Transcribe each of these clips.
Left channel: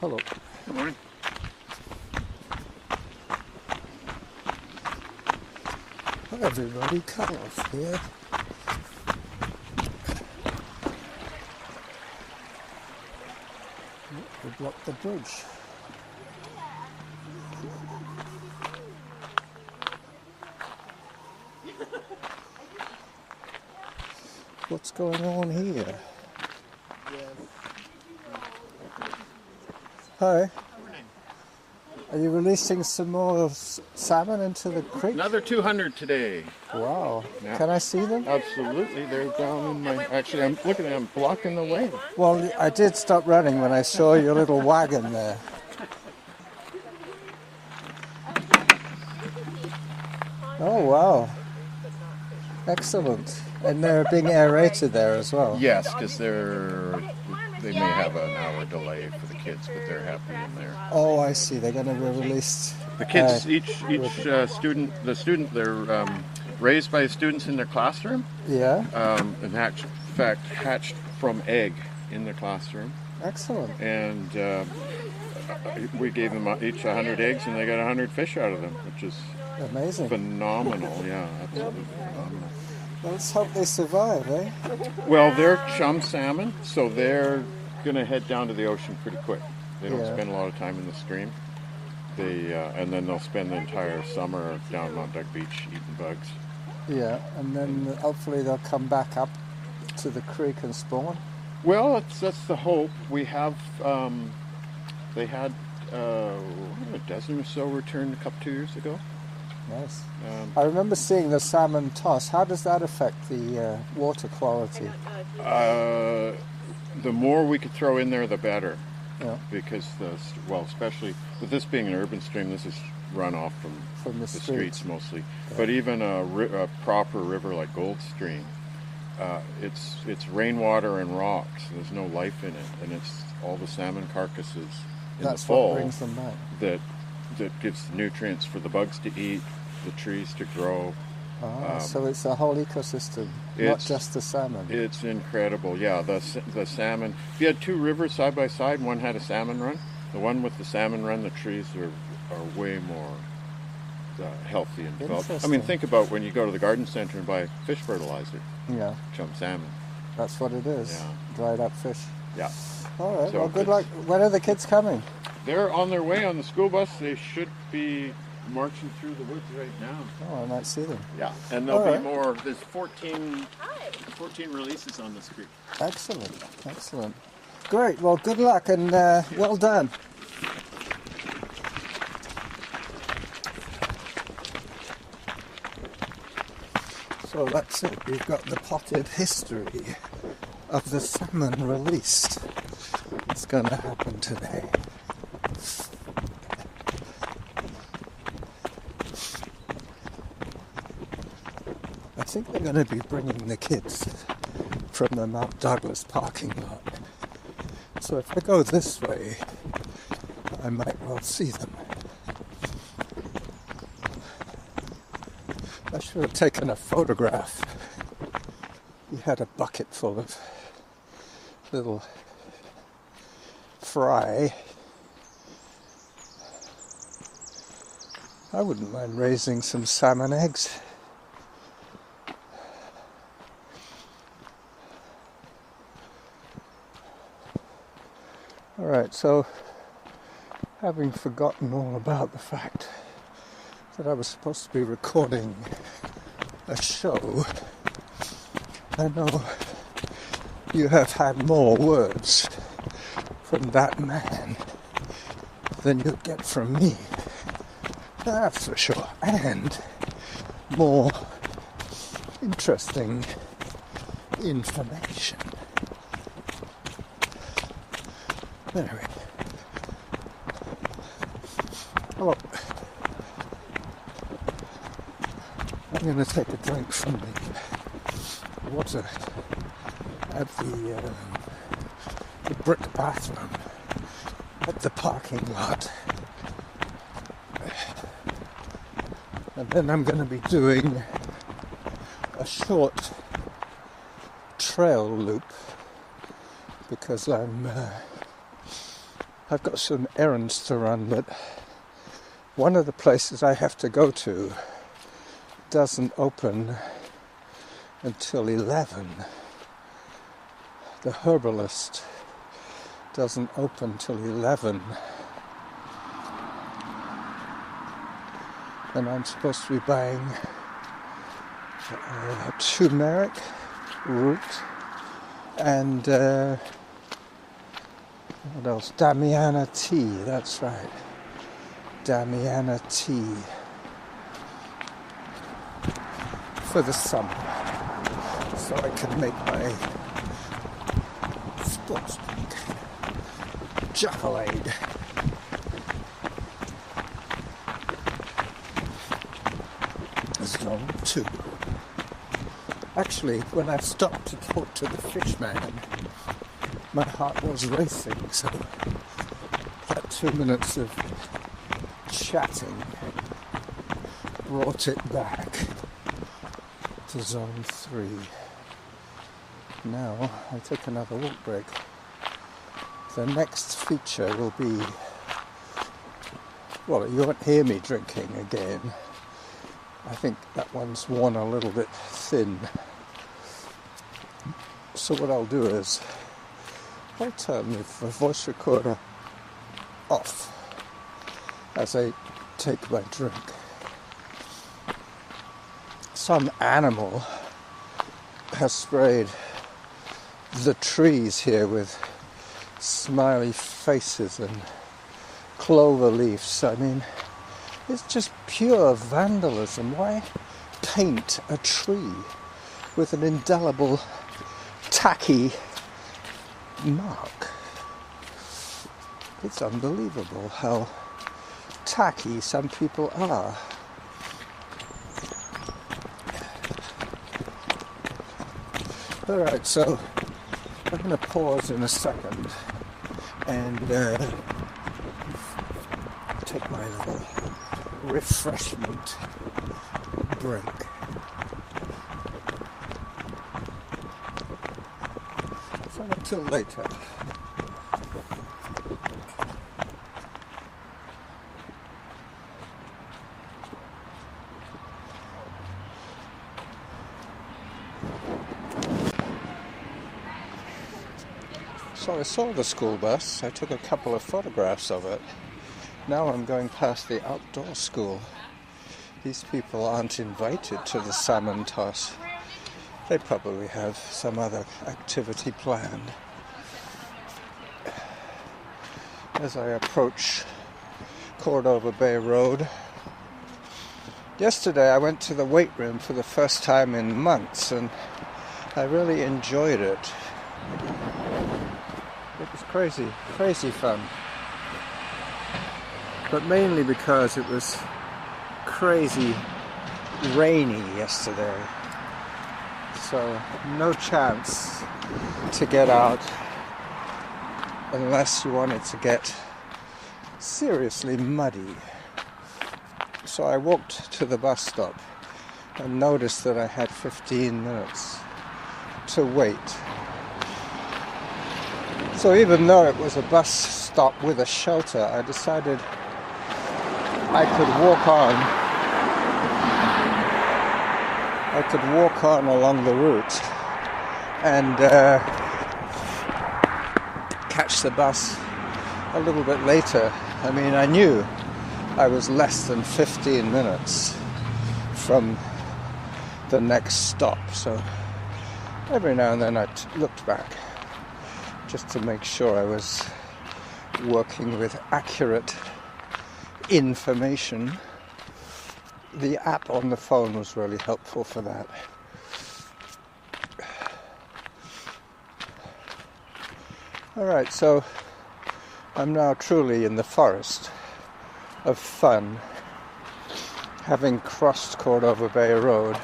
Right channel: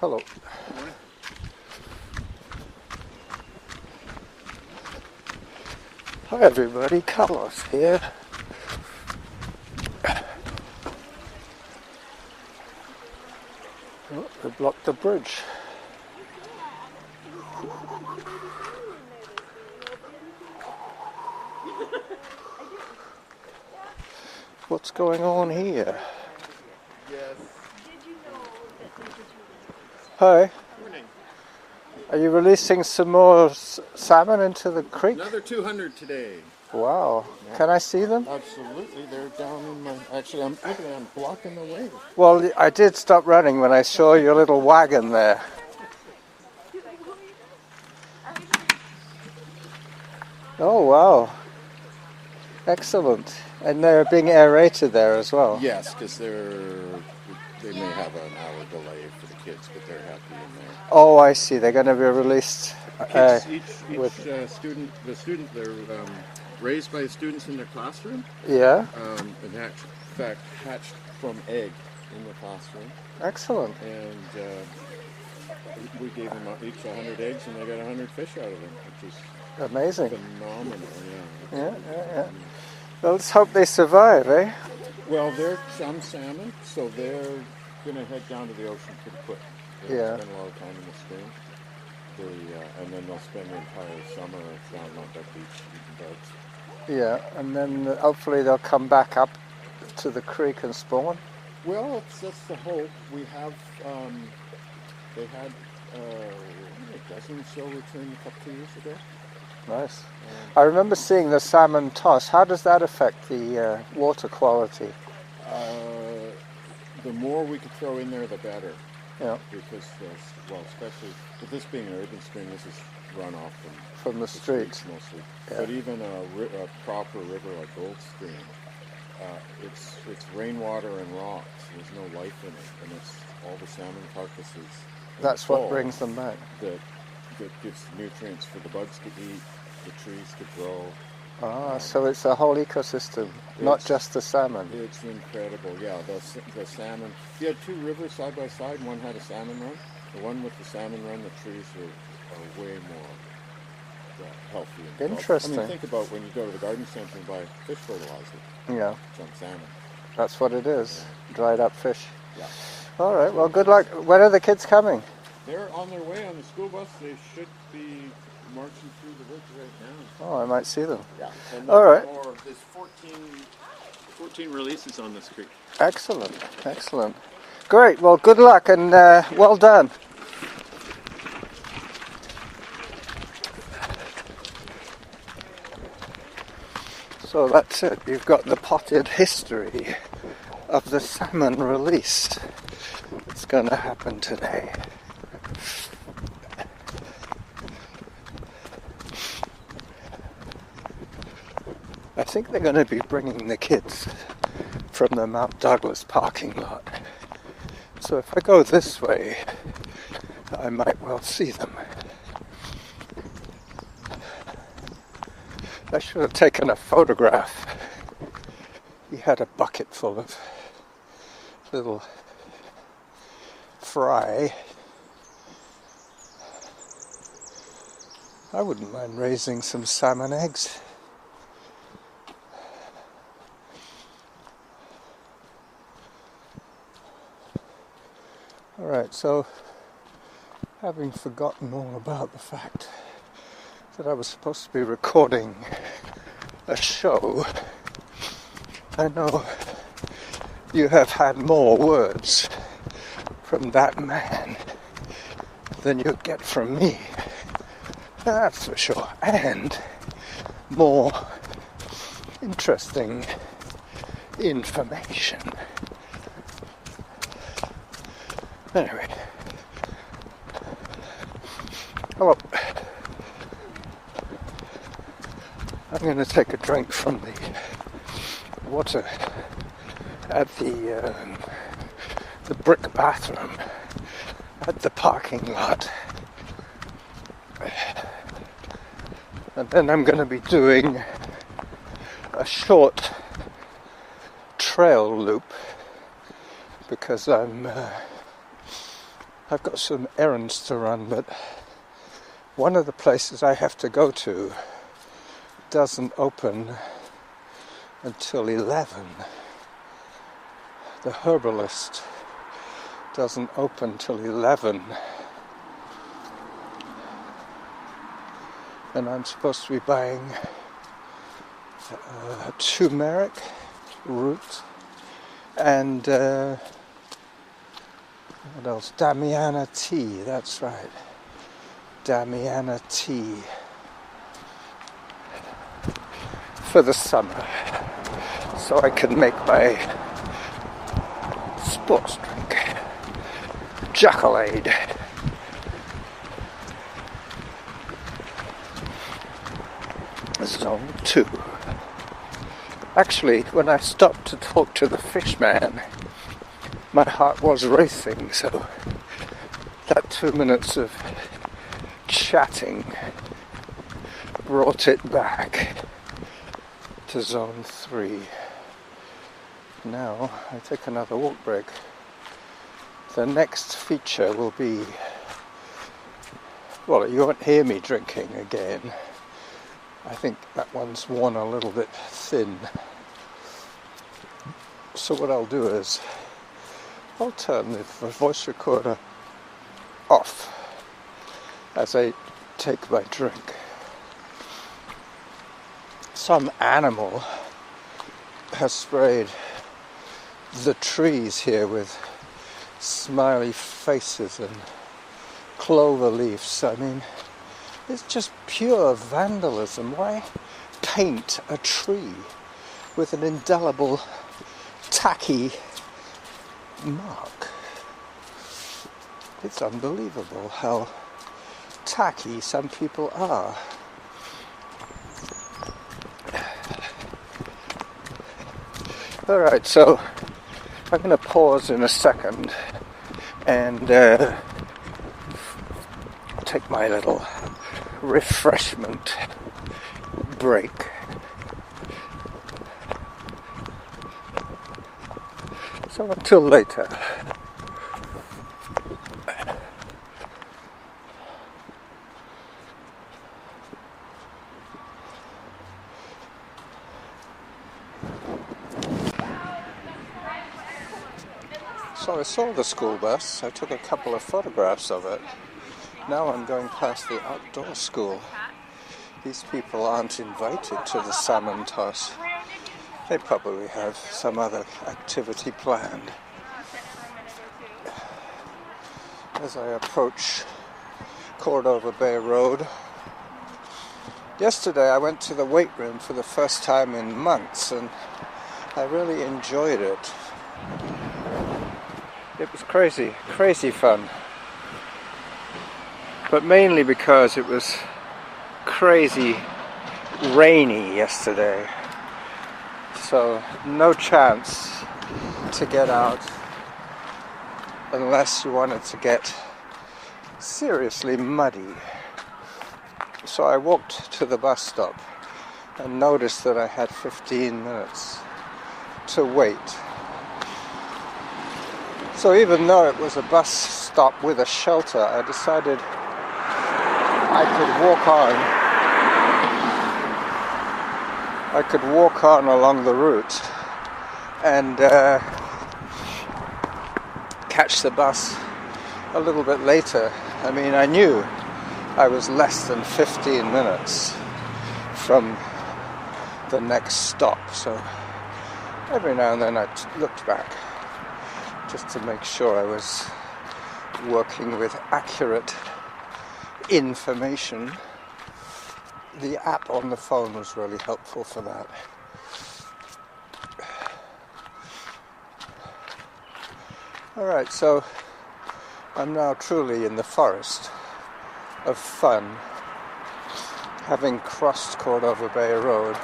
Hello. Good morning. Hi everybody, Carlos here. Oh, we blocked the bridge. What's going on here? Hi. Morning. Are you releasing some more salmon into the creek? Another 200 today. Wow. Yeah. Can I see them? Absolutely. They're down in my... Actually, I'm looking at them blocking the way. Well, I did stop running when I saw your little wagon there. Oh, wow. Excellent. And they're being aerated there as well? Yes, because they may have an hour delay for the kids, but they're happy in there. Oh, I see. They're going to be released. The kids, they're raised by students in their classroom. Yeah. In fact, hatched from egg in their classroom. Excellent. And we gave them each 100 eggs, and they got 100 fish out of them, which is amazing. Phenomenal, yeah. Absolutely. Yeah. Well, let's hope they survive, eh? Well, they're chum salmon, so they're going to head down to the ocean pretty quick. They don't spend a lot of time in the stream. And then they'll spend the entire summer down on Duck Beach eating bugs. Yeah, and then hopefully they'll come back up to the creek and spawn. Well, that's the hope. We have, they had a dozen or so returned a 2 years ago. Nice. I remember seeing the salmon toss. How does that affect the water quality? The more we could throw in there, the better. Yeah. Because, especially with this being an urban stream, this is runoff from the streets mostly. Yeah. But even a proper river like Gold Stream, it's rainwater and rocks. There's no life in it, and it's all the salmon carcasses. That's what brings them back. That gives nutrients for the bugs to eat, the trees to grow. So it's a whole ecosystem, not just the salmon. It's incredible, yeah. The salmon. If you had two rivers side by side, one had a salmon run. The one with the salmon run, the trees are way more healthy and developed. Interesting. I mean, think about when you go to the garden center and buy fish fertilizer. Yeah. Chum salmon. That's what it is. Yeah. Dried up fish. Yeah. All right. So well, good luck. When are the kids coming? They're on their way on the school bus. They should be marching through the woods right now. Oh, I might see them. Yeah. And there'll be more. There's 14 releases on this creek. Excellent. Excellent. Great. Well, good luck and well done. So that's it. You've got the potted history of the salmon released. It's going to happen today. I think they're going to be bringing the kids from the Mount Douglas parking lot. So if I go this way, I might well see them. I should have taken a photograph. He had a bucket full of little fry. I wouldn't mind raising some salmon eggs. Alright, so having forgotten all about the fact that I was supposed to be recording a show, I know you have had more words from that man than you get from me. That's for sure. And more interesting information. Anyway. Hello. I'm going to take a drink from the water at the brick bathroom at the parking lot. And then I'm going to be doing a short trail loop because I'm I've got some errands to run, but one of the places I have to go to doesn't open until 11. The herbalist doesn't open till 11. And I'm supposed to be buying turmeric root and what else? Damiana tea, that's right. Damiana tea for the summer, so I can make my sports drink, Jackalade. Zone 2. Actually, when I stopped to talk to the fish man, my heart was racing, so that 2 minutes of chatting brought it back to Zone 3. Now I take another walk break. The next feature will be, well, you won't hear me drinking again. I think that one's worn a little bit thin. So what I'll do is I'll turn the voice recorder off as I take my drink. Some animal has sprayed the trees here with smiley faces and clover leaves. I mean, it's just pure vandalism. Why paint a tree with an indelible, tacky mark? It's unbelievable how tacky some people are. Alright, so I'm going to pause in a second and take my little refreshment break. So until later. So I saw the school bus. I took a couple of photographs of it. Now I'm going past the outdoor school. These people aren't invited to the salmon toss. They probably have some other activity planned. As I approach Cordova Bay Road. Yesterday I went to the weight room for the first time in months and I really enjoyed it. It was crazy fun. But mainly because it was crazy rainy yesterday. So no chance to get out unless you wanted to get seriously muddy. So I walked to the bus stop and noticed that I had 15 minutes to wait. So even though it was a bus stop with a shelter, I decided I could walk on along the route and catch the bus a little bit later. I mean, I knew I was less than 15 minutes from the next stop, so every now and then I looked back just to make sure I was working with accurate information. The app on the phone was really helpful for that. Alright, so I'm now truly in the forest of fun, having crossed Cordova Bay Road.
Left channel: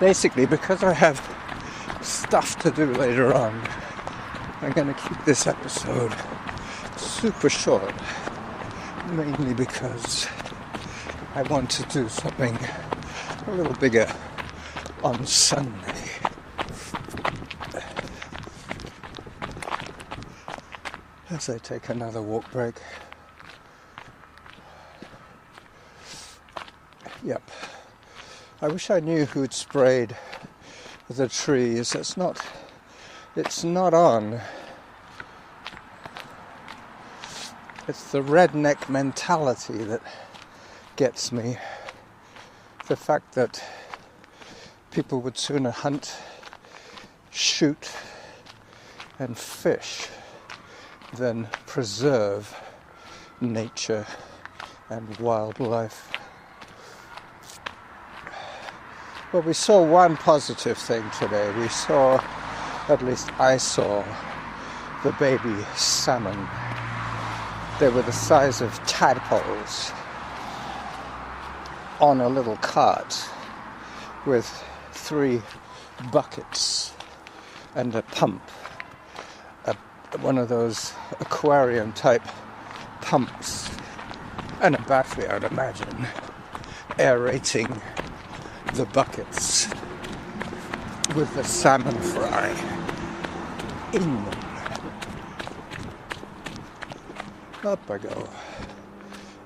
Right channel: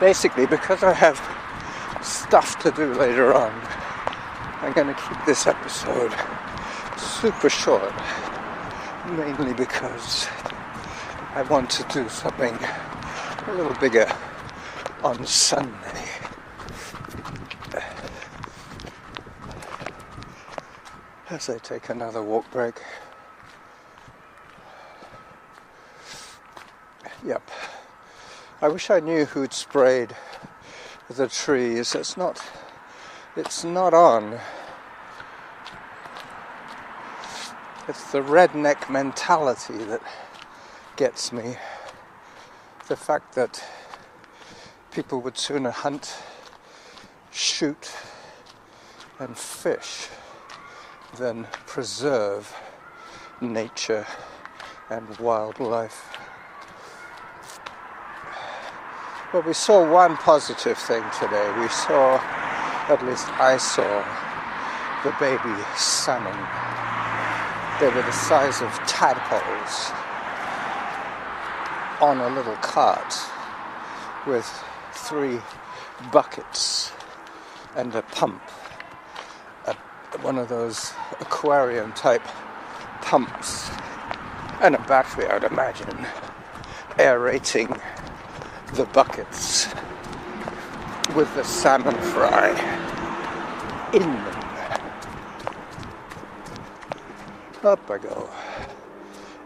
Basically, because I have stuff to do later on, I'm going to keep this episode super short, mainly because I want to do something a little bigger on Sunday. as I take another walk break. Yep. I wish I knew who'd sprayed the trees. It's not on. It's the redneck mentality that gets me. The fact that people would sooner hunt, shoot, and fish than preserve nature and wildlife. Well, we saw one positive thing today. We saw, at least I saw, the baby salmon. They were the size of tadpoles on a little cart with 3 buckets and a pump, one of those aquarium type pumps, and a battery, I would imagine, aerating the buckets with the salmon fry in them. Up I go.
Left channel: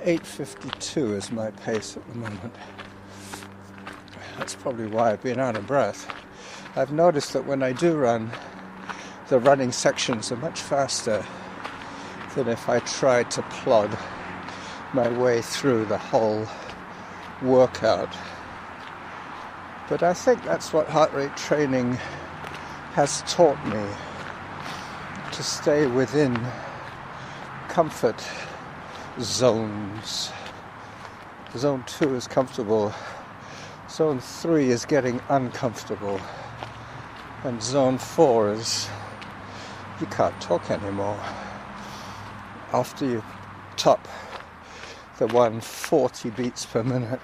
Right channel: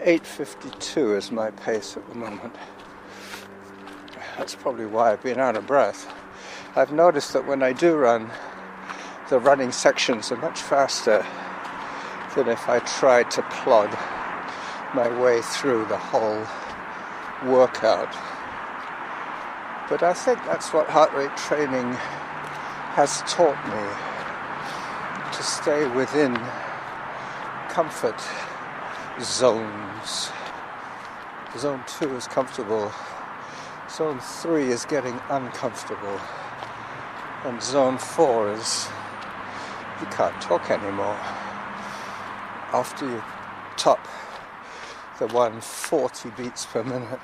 8:52 is my pace at the moment. That's probably why I've been out of breath. I've noticed that when I do run, the running sections are much faster than if I tried to plod my way through the whole workout. But I think that's what heart rate training has taught me, to stay within comfort zones. Zone 2 is comfortable. Zone 3 is getting uncomfortable. And Zone 4 is you can't talk anymore. After you top the 140 beats per minute,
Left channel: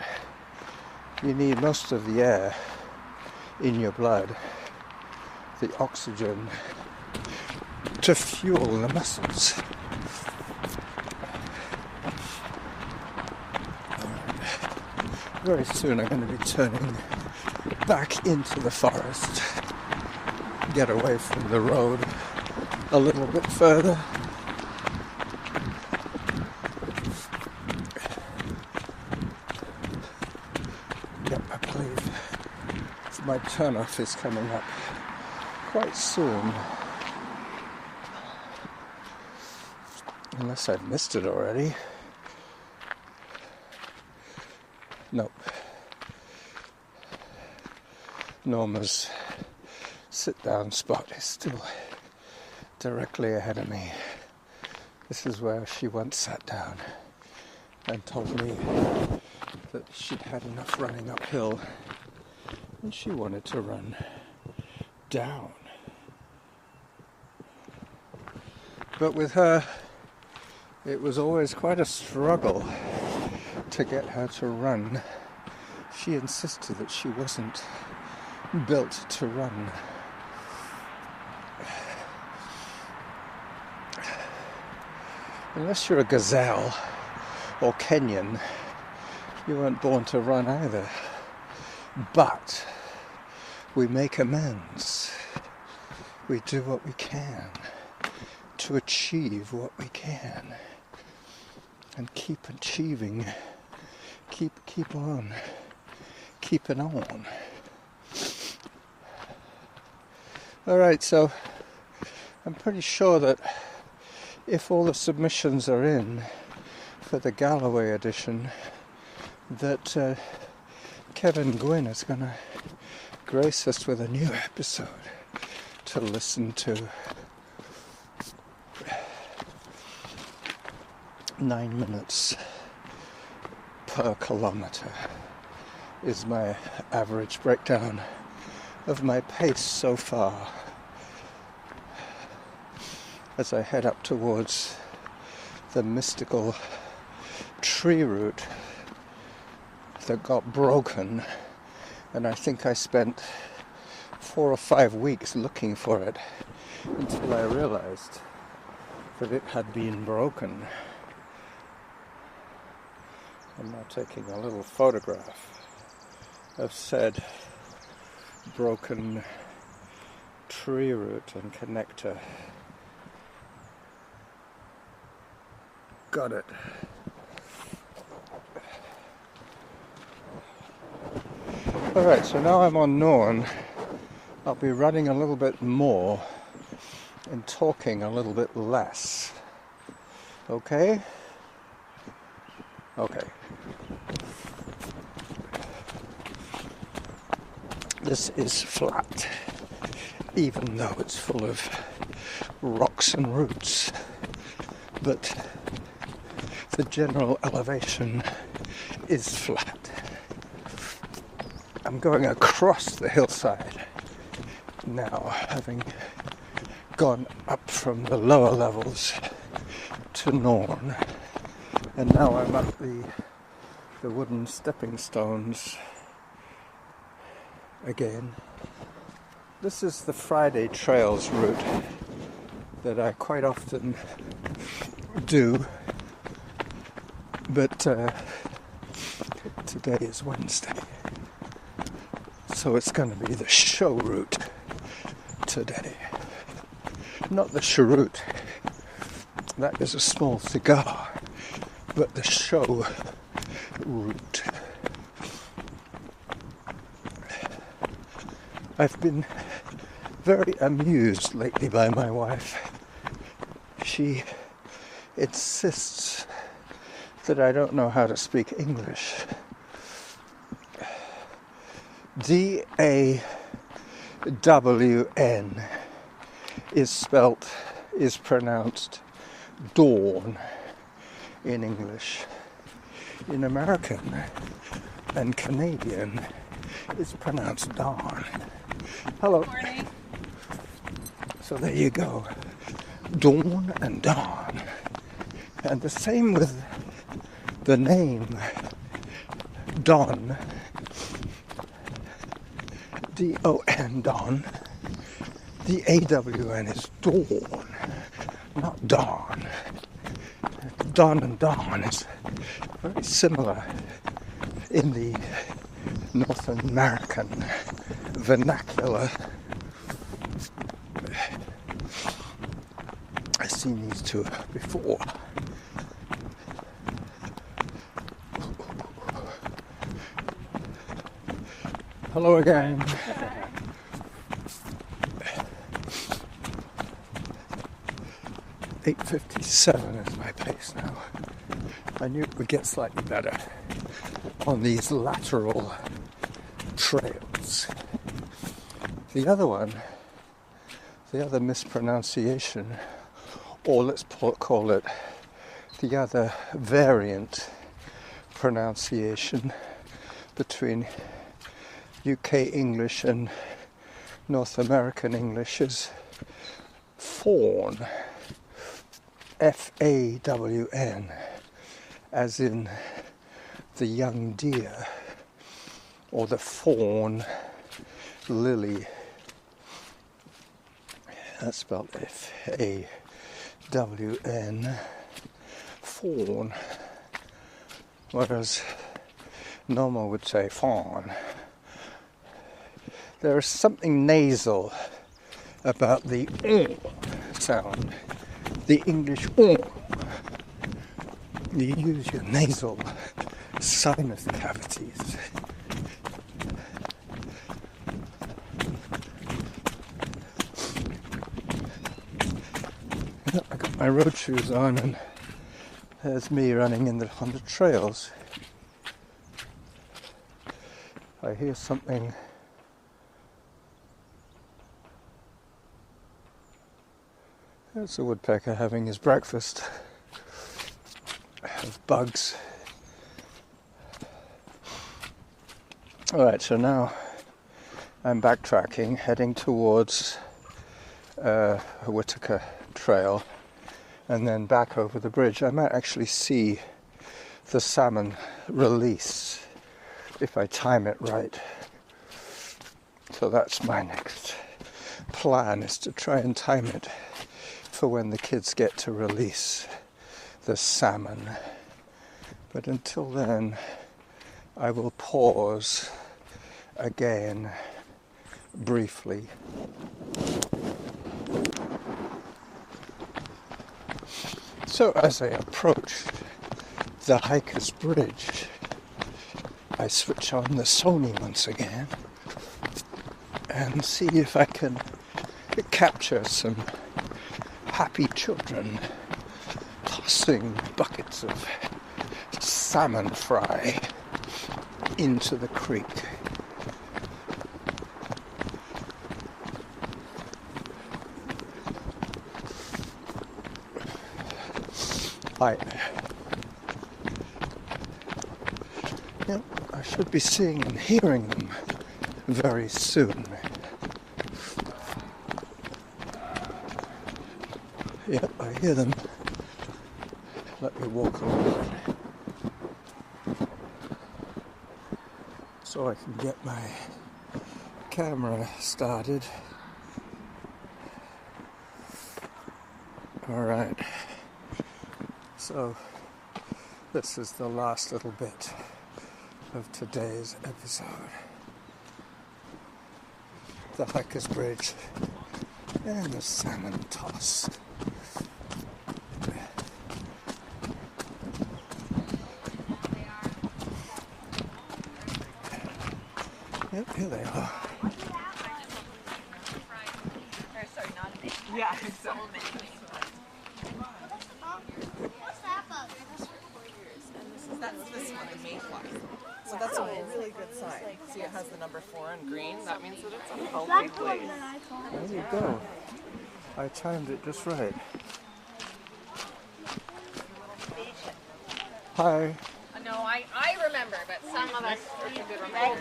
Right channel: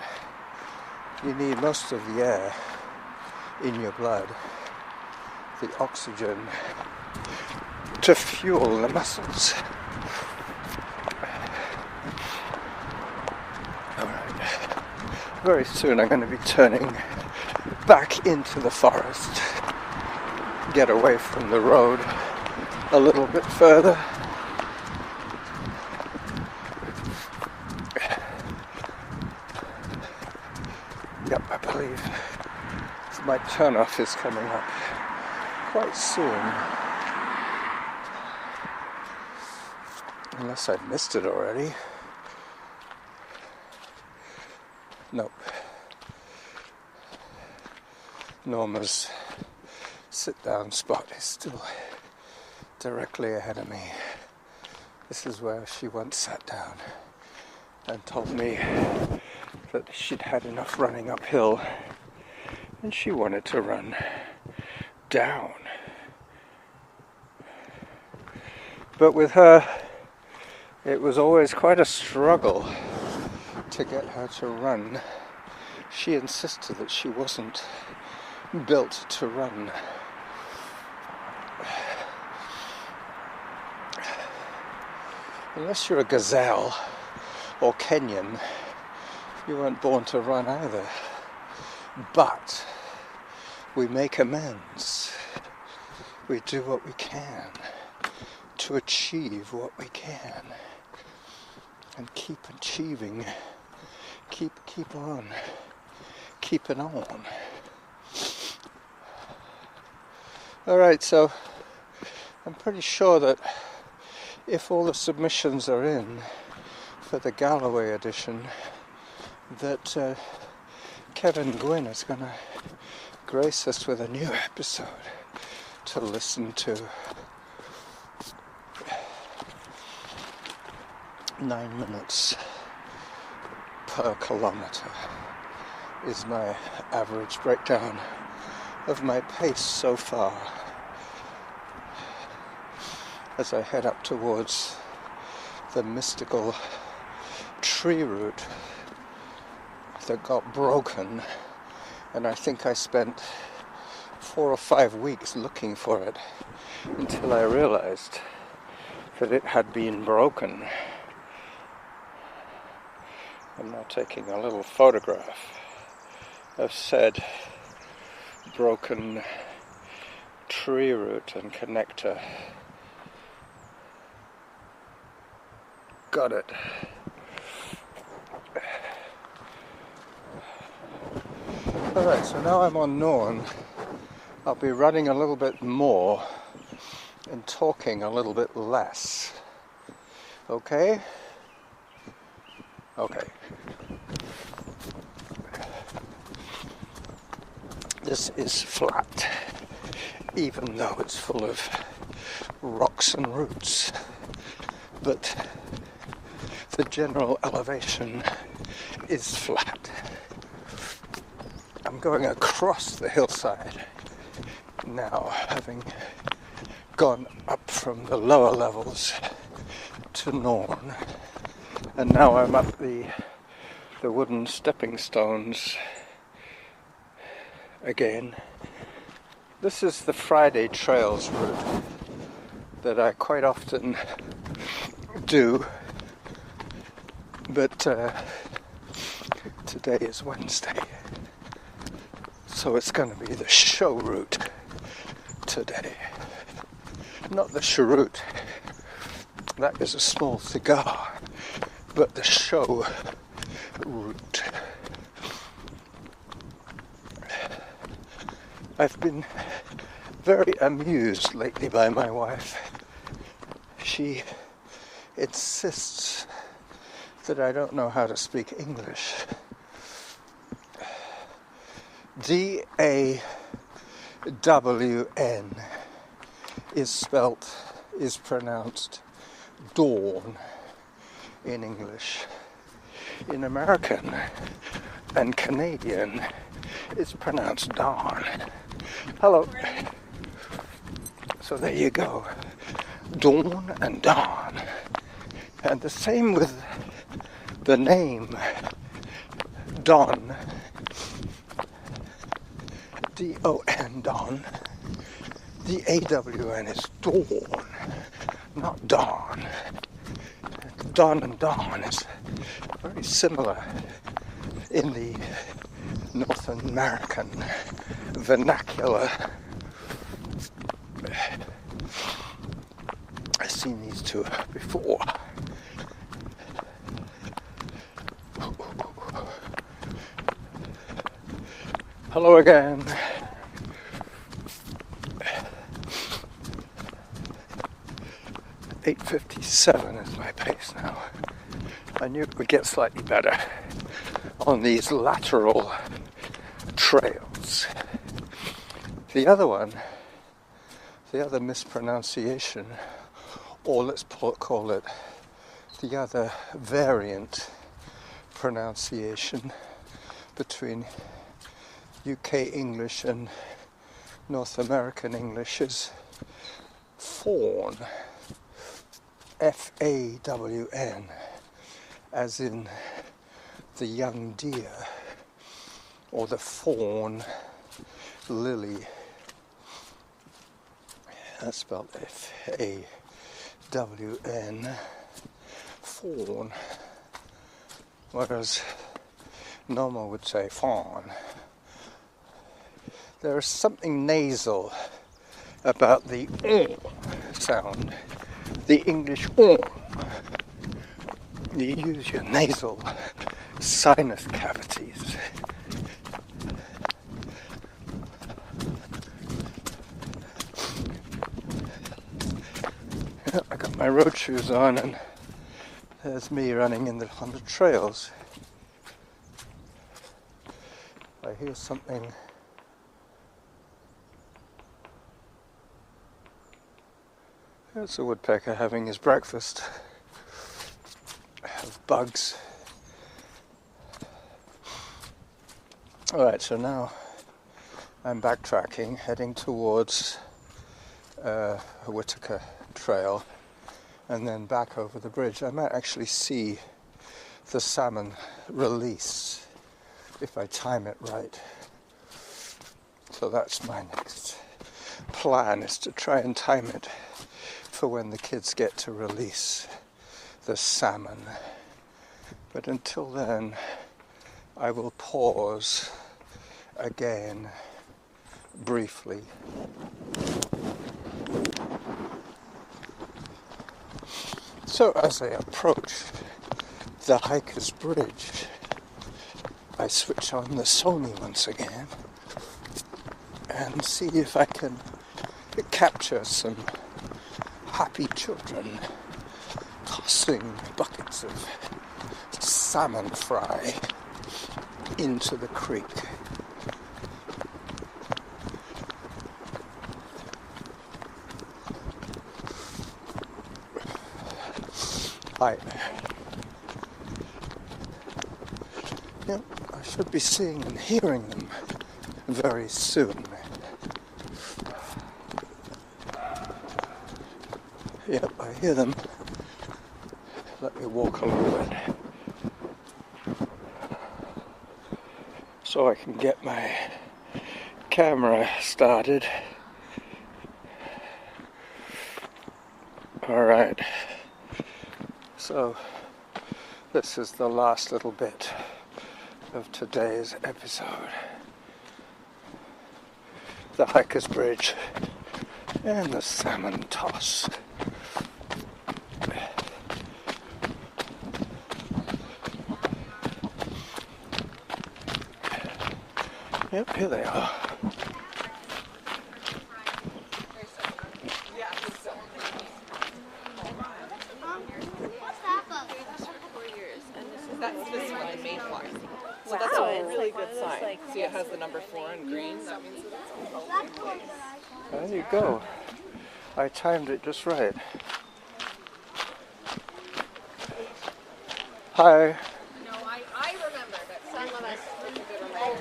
you need most of the air in your blood, the oxygen, to fuel the muscles. Alright, very soon I'm going to be turning back into the forest, get away from the road a little bit further. Yep, I believe my turn-off is coming up quite soon. Unless I've missed it already. Nope. Norma's sit-down spot is still directly ahead of me. This is where she once sat down and told me that she'd had enough running uphill and she wanted to run down. But with her, it was always quite a struggle to get her to run. She insisted that she wasn't built to run. Unless you're a gazelle or Kenyan, you weren't born to run either. But we make amends. We do what we can to achieve what we can. And keep achieving. Keep on. Keeping on. Alright, so I'm pretty sure that if all the submissions are in for the Galloway edition, that Kevin Gwynn is going to grace us with a new episode to listen to. 9 minutes per kilometer is my average breakdown of my pace so far as I head up towards the mystical tree root that got broken, and I think I spent 4 or 5 weeks looking for it until I realized that it had been broken. I'm now taking a little photograph of said broken tree root and connector. got it. Alright, so now I'm on Norn. I'll be running a little bit more and talking a little bit less. Okay? Okay. This is flat, even though it's full of rocks and roots. But the general elevation is flat. I'm going across the hillside now, having gone up from the lower levels to Norn, and now I'm up the wooden stepping stones again. This is the Friday Trails route that I quite often do, but today is Wednesday, so it's going to be the show route today. Not the cheroot, that is a small cigar, but the show route. I've been very amused lately by my wife. She insists that I don't know how to speak English. D-A-W-N is pronounced dawn in English. In American and Canadian, it's pronounced dawn. Hello. Morning. So there you go. Dawn and dawn. And the same with the name Don. D-O-N, Don. The A-W-N is dawn, not dawn. Dawn and dawn is very similar in the North American vernacular. I've seen these two before. Hello again. 8:57 is my pace now. I knew it would get slightly better on these lateral trails. The other mispronunciation, or let's call it the other variant pronunciation between UK English and North American English is fawn. F-A-W-N, as in the young deer, or the fawn lily. That's spelled F-A-W-N, fawn, whereas normal would say fawn. There is something nasal about the sound. The English You use your nasal sinus cavities. I got my road shoes on, and there's me running on the trails. I hear something. There's a woodpecker having his breakfast of bugs. Alright, so now I'm backtracking, heading towards a Whitaker trail, and then back over the bridge. I might actually see the salmon release if I time it right. So that's my next plan, is to try and time it for when the kids get to release the salmon. But until then, I will pause again briefly. So as I approach the hiker's bridge, I switch on the Sony once again and see if I can capture some happy children tossing buckets of salmon fry into the creek. I should be seeing and hearing them very soon. Yep, I hear them. Let me walk a little bit so I can get my camera started. Alright, so this is the last little bit of today's episode. The hiker's bridge and the salmon toss. Yep, here they are. Yeah, so what's that bug? that's this one, the mayfly. So that's a really good sign. See, it has the number 4 in green. That means that it's a healthy place. There you go. I timed it just right. Hi. No, I remember, but some of us.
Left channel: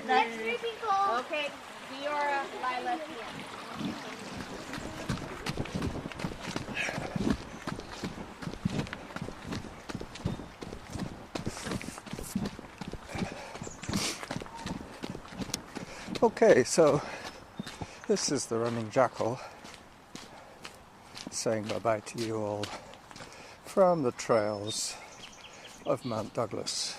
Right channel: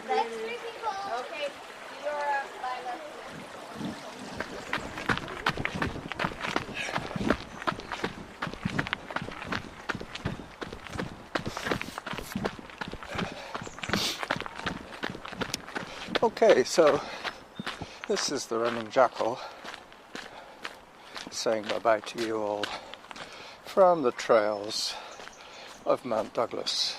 That's creepy call. Okay, Fiora, Lila. Okay, so this is the running Jackal saying bye-bye to you all from the trails of Mount Douglas.